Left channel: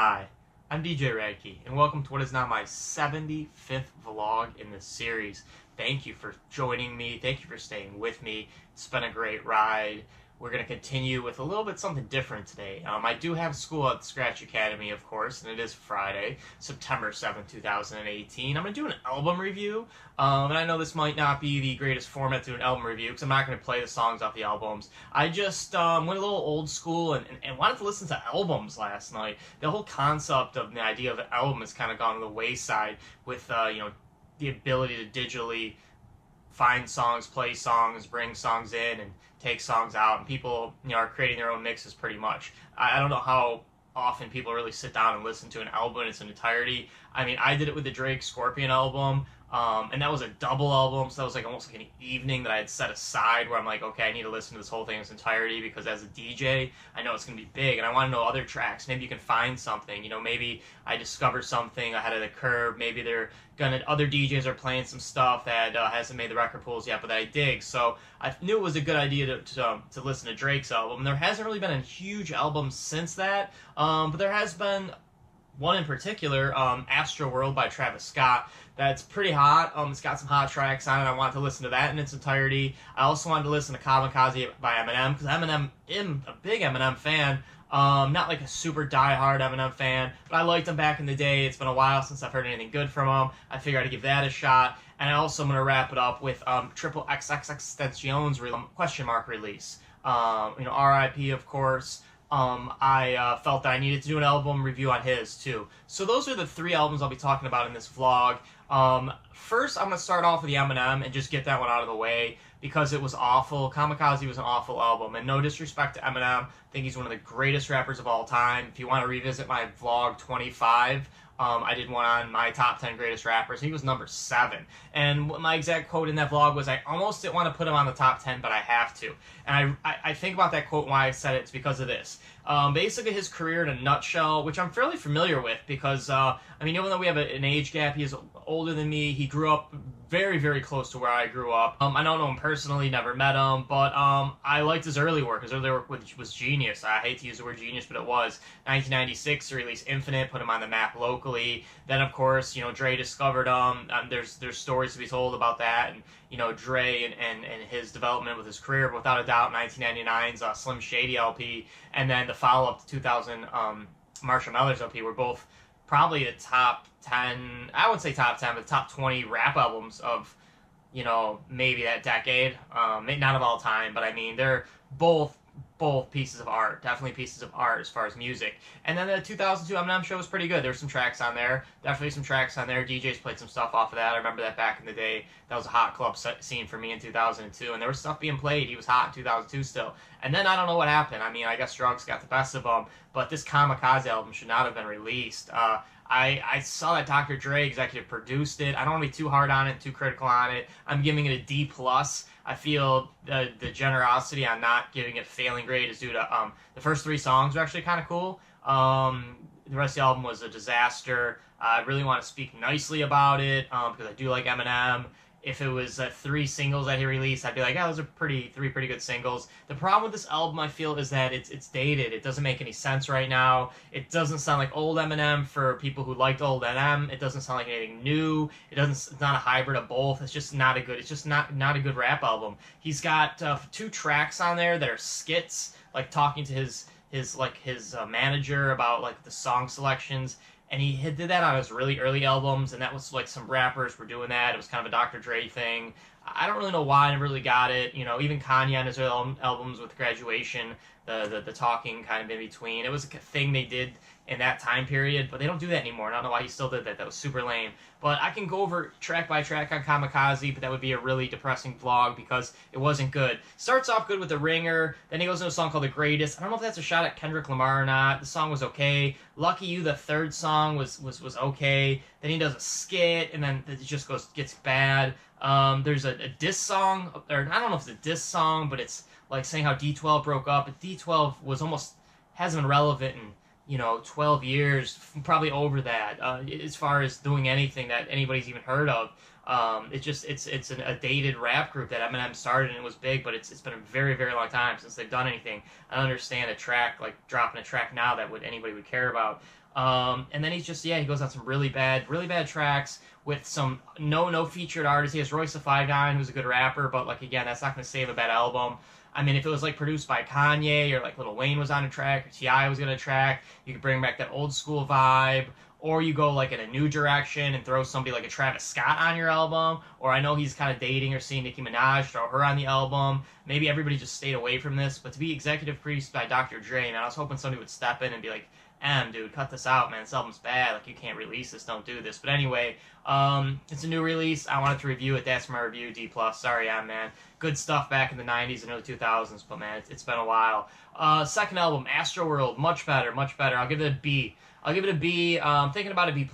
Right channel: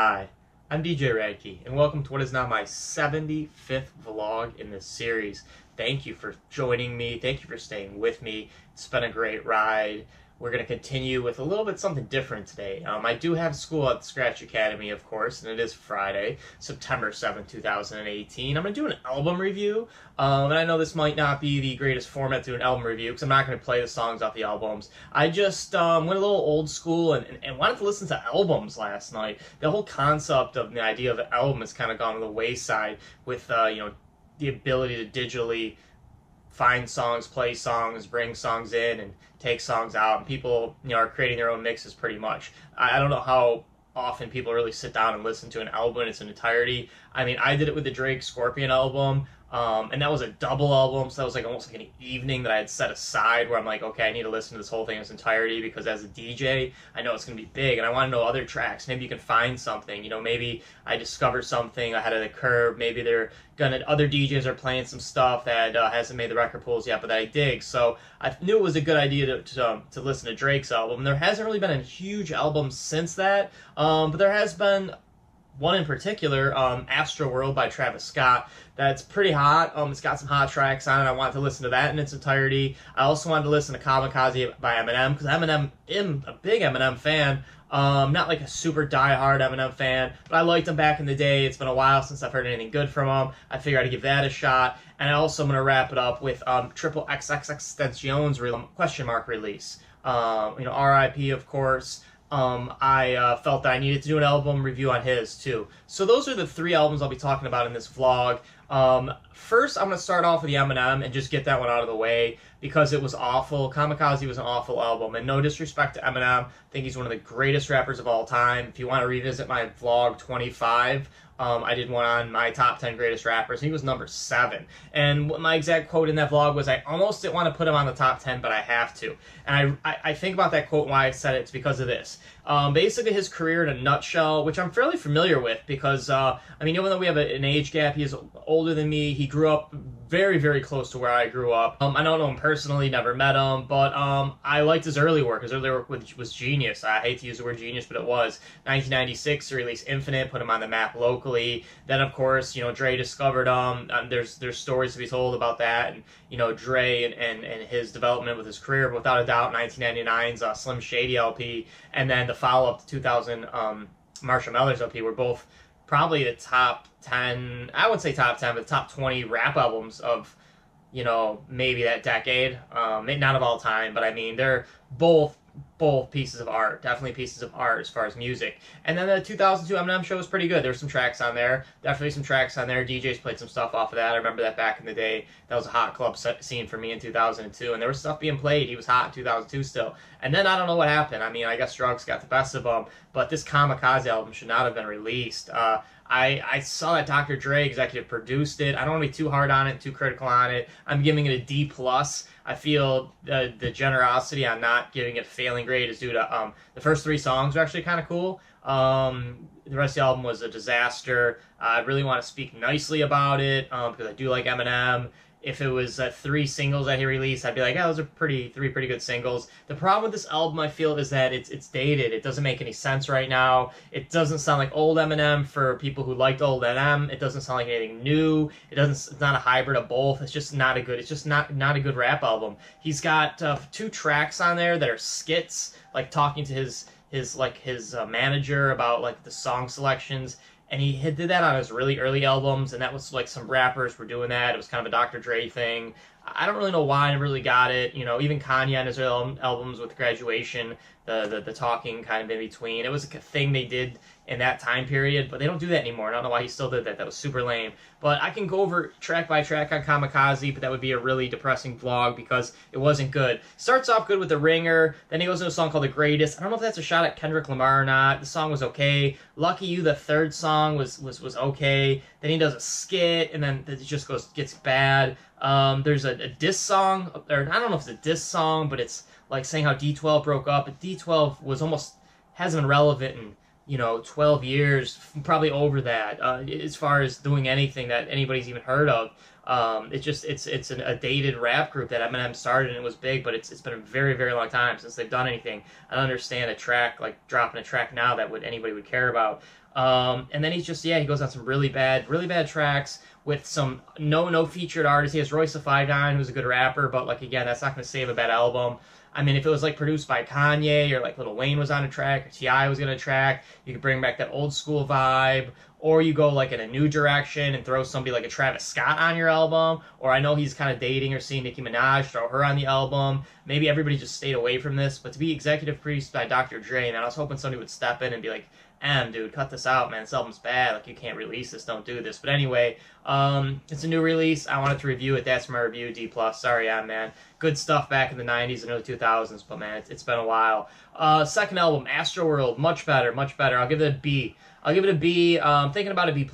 Hi, I'm DJ Rad Key, and welcome to what is now my 75th vlog in this series. Thank you for joining me. Thank you for staying with me. It's been a great ride. We're going to continue with a little bit something different today. I do have school at the Scratch Academy, of course, and it is Friday, September 7th, 2018. I'm going to do an album review, and I know this might not be the greatest format to do an album review because I'm not going to play the songs off the albums. I just went a little old school and wanted to listen to albums last night. The whole concept of the idea of an album has kind of gone to the wayside with, the ability to digitally find songs, play songs, bring songs in, and take songs out. And people, are creating their own mixes pretty much. I don't know how often people really sit down and listen to an album in its entirety. I mean, I did it with the Drake Scorpion album, and that was a double album, so that was like almost like an evening that I had set aside where I'm like, okay, I need to listen to this whole thing in its entirety because as a DJ, I know it's going to be big, and I want to know other tracks. Maybe you can find something, maybe I discover something ahead of the curve. Maybe other DJs are playing some stuff that hasn't made the record pools yet, but that I dig. So I knew it was a good idea to listen to Drake's album. There hasn't really been a huge album since that, but there has been one in particular, Astroworld by Travis Scott, that's pretty hot. It's got some hot tracks on it. I wanted to listen to that in its entirety. I also wanted to listen to Kamikaze by Eminem, because I'm a big Eminem fan. Not like a super die-hard Eminem fan, but I liked him back in the day. It's been a while since I've heard anything good from him. I figured I'd give that a shot. And I also am going to wrap it up with Triple XXXTentacion's question mark release. R.I.P. of course. I felt that I needed to do an album review on his too. So those are the three albums I'll be talking about in this vlog. First, I'm going to start off with the Eminem and just get that one out of the way because it was awful. Kamikaze was an awful album, and no disrespect to Eminem. I think he's one of the greatest rappers of all time. If you want to revisit my vlog 25, I did one on my top 10 greatest rappers. He was number 7. And my exact quote in that vlog was, I almost didn't want to put him on the top 10, but I have to. And I think about that quote and why I said it. It's because of this. Basically, his career in a nutshell, which I'm fairly familiar with because, even though we have an age gap, he is older than me. He grew up very, very close to where I grew up. I don't know him personally, never met him, but I liked his early work. His early work was genius. I hate to use the word genius, but it was. 1996, he released Infinite, put him on the map locally. Then, of course, Dre discovered him. There's stories to be told about that, and Dre and his development with his career. But without a doubt, 1999's Slim Shady LP, and then the follow-up to 2000 Marshall Mathers LP were both probably the top 10, I would say top 10, but top 20 rap albums of, maybe that decade. Not of all time, but I mean, they're both pieces of art, definitely pieces of art as far as music. And then the 2002 Eminem show was pretty good. There's some tracks on there, definitely some tracks on there. DJs played some stuff off of that. I remember that back in the day. That was a hot club scene for me in 2002, and there was stuff being played. He was hot in 2002 still. And then I don't know what happened. I guess drugs got the best of him, but this Kamikaze album should not have been released. I saw that Dr. Dre executive produced it. I don't want to be too hard on it, too critical on it. I'm giving it a D+. I feel the generosity on not giving it a failing grade is due to the first 3 songs are actually kind of cool. The rest of the album was a disaster. I really want to speak nicely about it because I do like Eminem. If it was 3 singles that he released, I'd be like, those are 3 pretty good singles. The problem with this album, I feel, is that it's dated. It doesn't make any sense right now. It doesn't sound like old Eminem for people who liked old Eminem. It doesn't sound like anything new. It's not a hybrid of both. It's just not a good rap album. He's got 2 tracks on there that are skits, like talking to his manager about like the song selections. And he did that on his really early albums, and that was like some rappers were doing that. It was kind of a Dr. Dre thing. I don't really know why I never really got it. Even Kanye on his early albums with Graduation, the talking kind of in between. It was a thing they did in that time period, but they don't do that anymore. I don't know why he still did that. That was super lame. But I can go over track by track on Kamikaze, but that would be a really depressing vlog because it wasn't good. Starts off good with The Ringer, then he goes into a song called The Greatest. I don't know if that's a shot at Kendrick Lamar or not. The song was okay. Lucky You, the third song, was okay. Then he does a skit, and then it just gets bad. There's a diss song, or I don't know if it's a diss song, but it's like saying how D12 broke up. But D12 hasn't been relevant in 12 years, probably over that, as far as doing anything that anybody's even heard of. It's a dated rap group that Eminem started and it was big, but it's been a very, very long time since they've done anything. I don't understand a track like dropping a track now that anybody would care about. And then he goes on some really bad tracks with some no featured artists. He has Royce the 5'9", who's a good rapper, but like again, that's not going to save a bad album. I mean, if it was like produced by Kanye or like Lil Wayne was on a track or T.I. was on a track, you could bring back that old school vibe. Or you go like in a new direction and throw somebody like a Travis Scott on your album. Or I know he's kind of dating or seeing Nicki Minaj, throw her on the album. Maybe everybody just stayed away from this. But to be executive produced by Dr. Dre, man, I was hoping somebody would step in and be like, dude, cut this out, man. This album's bad. Like, you can't release this. Don't do this. But anyway, it's a new release. I wanted to review it. That's my review, D+. Sorry, man. Good stuff back in the 90s and early 2000s. But, man, it's been a while. Second album, Astroworld. Much better, much better. I'll give it a B. I'm thinking about a B+,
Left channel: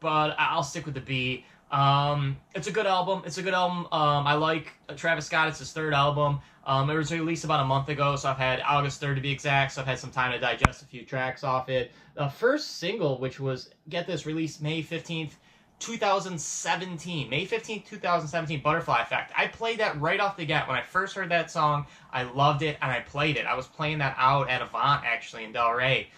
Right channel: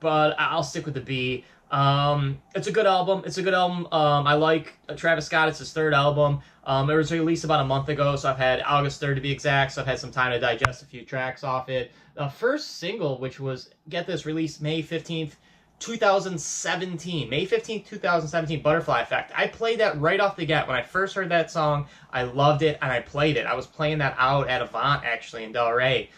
but I'll stick with the B. It's a good album. I like Travis Scott. It's his third album. It was released about a month ago, so I've had August 3rd to be exact, so I've had some time to digest a few tracks off it. The first single, which was, get this, released May 15th, 2017. May 15th, 2017, Butterfly Effect. I played that right off the get. When I first heard that song, I loved it, and I played it. I was playing that out at Avant, actually, in Delray,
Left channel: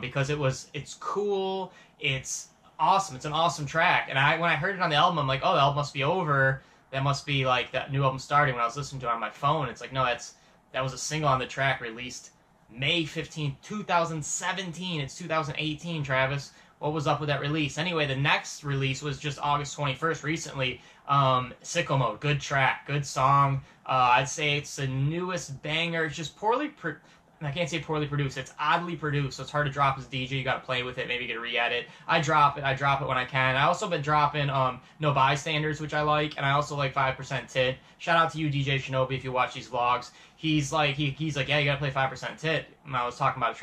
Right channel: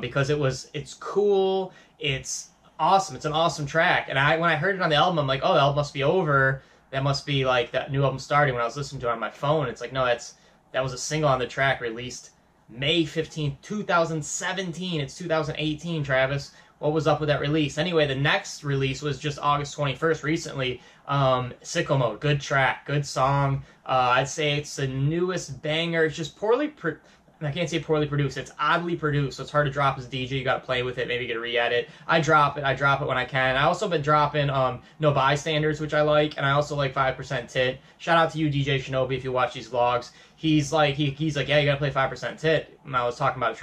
because it's cool, it's awesome, it's an awesome track. And when I heard it on the album, I'm like, oh, the album must be over. That must be like that new album starting. When I was listening to it on my phone, it's like, no, that was a single on the track released May 15th, 2017. It's 2018, Travis. What was up with that release? Anyway, the next release was just August 21st, recently. Sicko Mode, good track, good song. I'd say it's the newest banger. It's just I can't say poorly produced. It's oddly produced, so it's hard to drop as a DJ. You got to play with it, maybe get a re-edit. I drop it when I can. I also been dropping No Bystanders, which I like, and I also like 5% Tit. Shout out to you, DJ Shinobi, if you watch these vlogs. He's like, yeah, you got to play 5% Tit. And I was talking about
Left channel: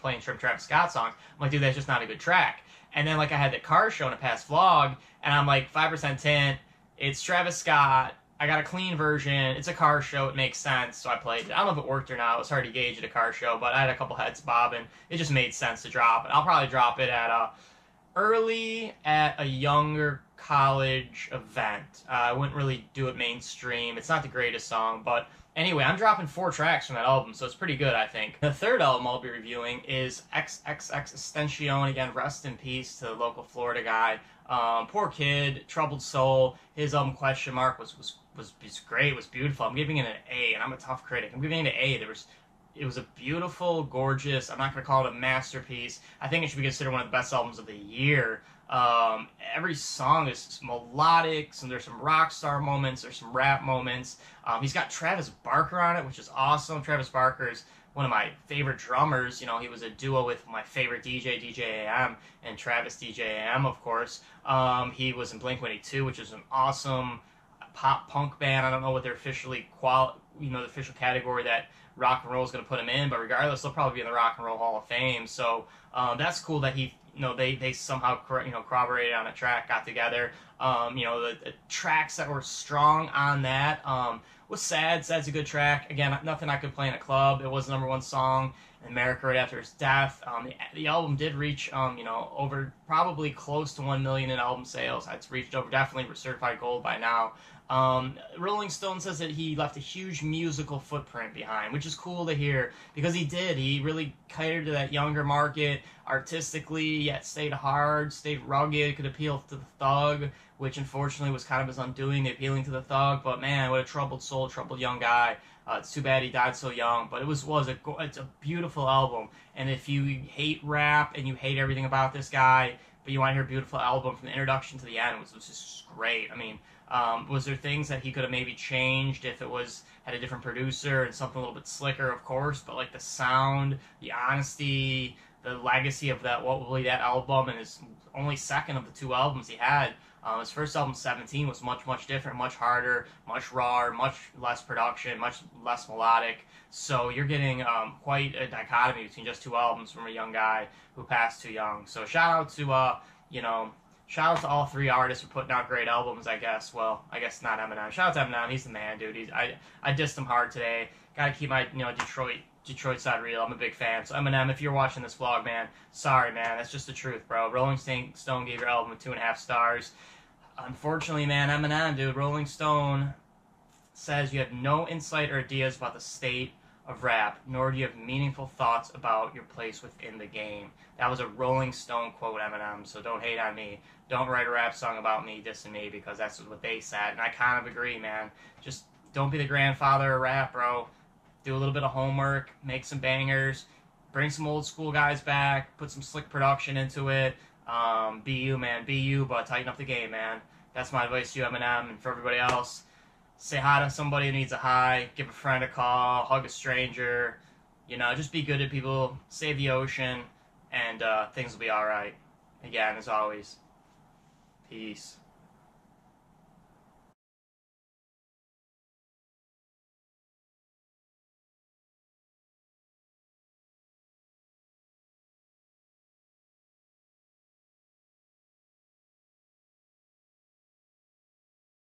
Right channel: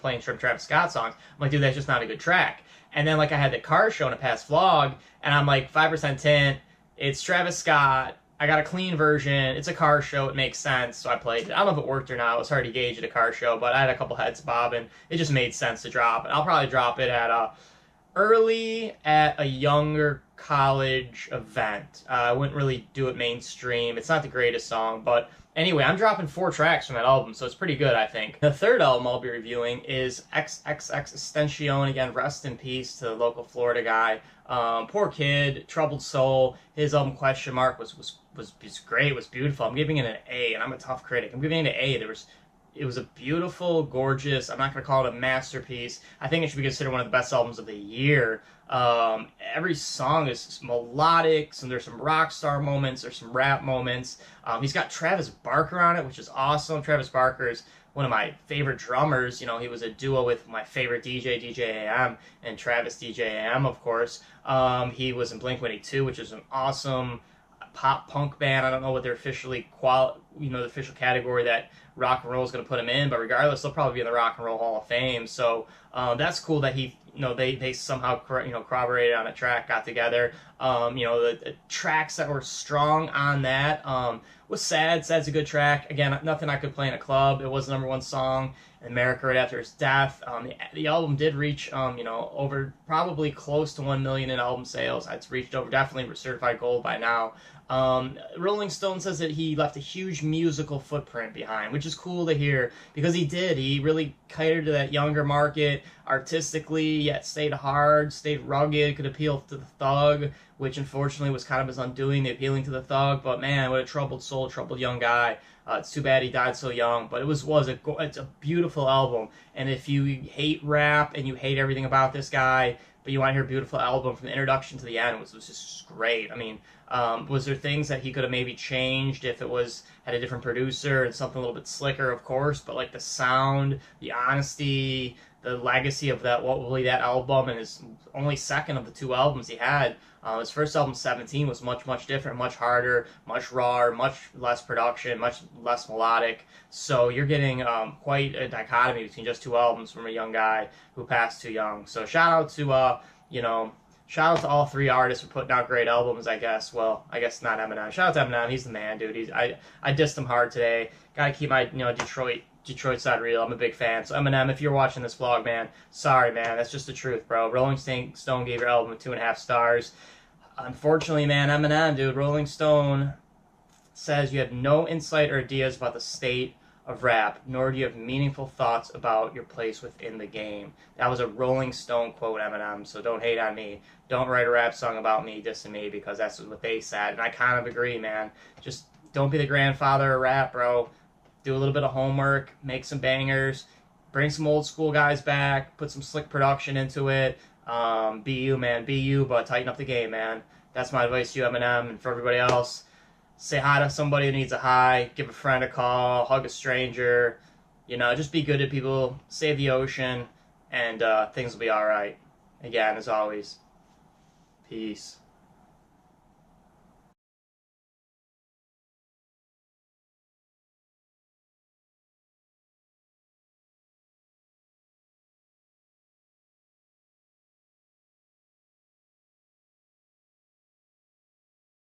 playing Travis Scott songs. I'm like, dude, that's just not a good track. And then like I had the car show in a past vlog, and I'm like, 5% Tit. It's Travis Scott. I got a clean version. It's a car show. It makes sense, so I played it. I don't know if it worked or not. It was hard to gauge at a car show, but I had a couple heads bobbing. It just made sense to drop it. I'll probably drop it early at a younger college event. I wouldn't really do it mainstream. It's not the greatest song, but anyway, I'm dropping 4 tracks from that album, so it's pretty good, I think. The third album I'll be reviewing is XXXTentacion. Again, rest in peace to the local Florida guy. Poor kid, troubled soul. His album Question Mark was great. It was beautiful. I'm giving it an A, and I'm a tough critic. I'm giving it an A. It was a beautiful, gorgeous. I'm not going to call it a masterpiece. I think it should be considered one of the best albums of the year. Every song is melodic, and there's some rock star moments, there's some rap moments. He's got Travis Barker on it, which is awesome. Travis Barker is one of my favorite drummers. You know, he was a duo with my favorite DJ, DJ AM, and Travis DJ AM, of course. He was in Blink-182, which is an awesome pop punk band. I don't know what their official category that rock and roll is going to put him in, but regardless, they'll probably be in the Rock and Roll Hall of Fame. So that's cool that they somehow corroborated on a track, got together. The tracks that were strong on that was Sad. Sad's a good track. Again, nothing I could play in a club. It was the #1 song in America right after his death. The album did reach over probably close to 1 million in album sales. It's reached over, definitely certified gold by now. Rolling Stone says that he left a huge musical footprint behind, which is cool to hear, because he did. He really catered to that younger market artistically, yet stayed hard, stayed rugged, could appeal to the thug, which unfortunately was kind of his undoing, the appealing to the thug. But man, what a troubled soul, troubled young guy. It's too bad he died so young, but it's a beautiful album. And if you hate rap and you hate everything about this guy, but you want to hear a beautiful album from the introduction to the end, it was just great. I mean, was there things that he could have maybe changed if it had a different producer and something a little bit slicker, of course, but like the sound, the honesty, the legacy of that album, and his only second of the 2 albums he had. His first album, 17, was much different, much harder, much rawer, much less production, much less melodic. So you're getting quite a dichotomy between just 2 albums from a young guy who passed too young. So shout out to all 3 artists for putting out great albums, I guess. Well, I guess not Eminem. Shout out to Eminem. He's the man, dude. I dissed him hard today. Gotta keep my Detroit side real. I'm a big fan. So Eminem, if you're watching this vlog, man, sorry, man. That's just the truth, bro. Rolling Stone gave your album 2.5 stars. Unfortunately, man, Eminem, dude, Rolling Stone says you have no insight or ideas about the state of rap, nor do you have meaningful thoughts about your place within the game. That was a Rolling Stone quote, Eminem, so don't hate on me. Don't write a rap song about me dissing me, because that's what they said, and I kind of agree, man. Just don't be the grandfather of rap, bro. Do a little bit of homework, make some bangers, bring some old school guys back, put some slick production into it. Be you, man. Be you, but tighten up the game, man. That's my advice to you, Eminem, and for everybody else. Say hi to somebody who needs a hi. Give a friend a call. Hug a stranger. You know, just be good to people. Save the ocean, and things will be all right. Again, as always, peace.